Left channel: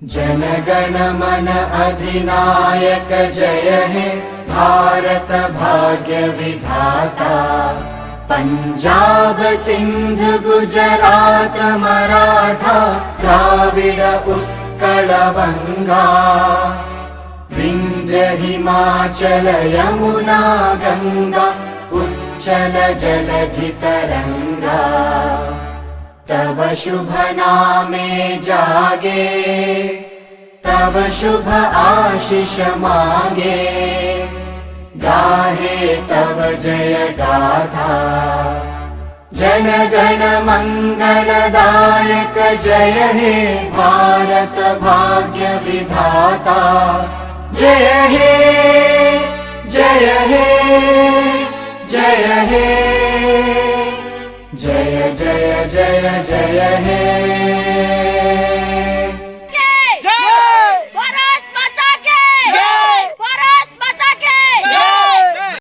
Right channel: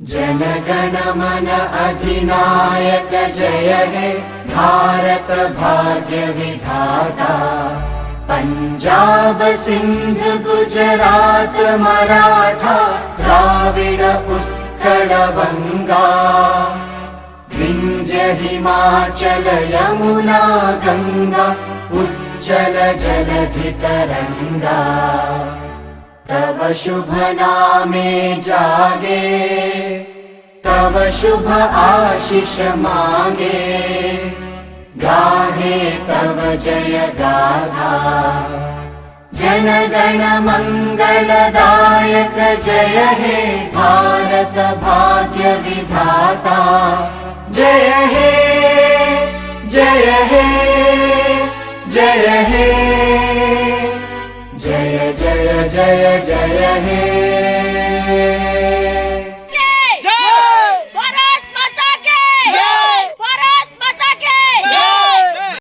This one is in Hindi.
जन गण मन अधिनायक जय हे भारत भाग्य विधाता। पंजाब सिंध गुजरात मराठा द्राविड उत्कल बंगा। विंध्य हिमाचल यमुना गंगा उच्चल जलधि तरंगा। तव शुभ नामे जागे तव शुभ आशीष मांगे। गाहे तव जय गाथा जन गण मंगलदायक जय हे भारत भाग्य विधाता। जय हे जय हे जय हे जय जय जय जय हे।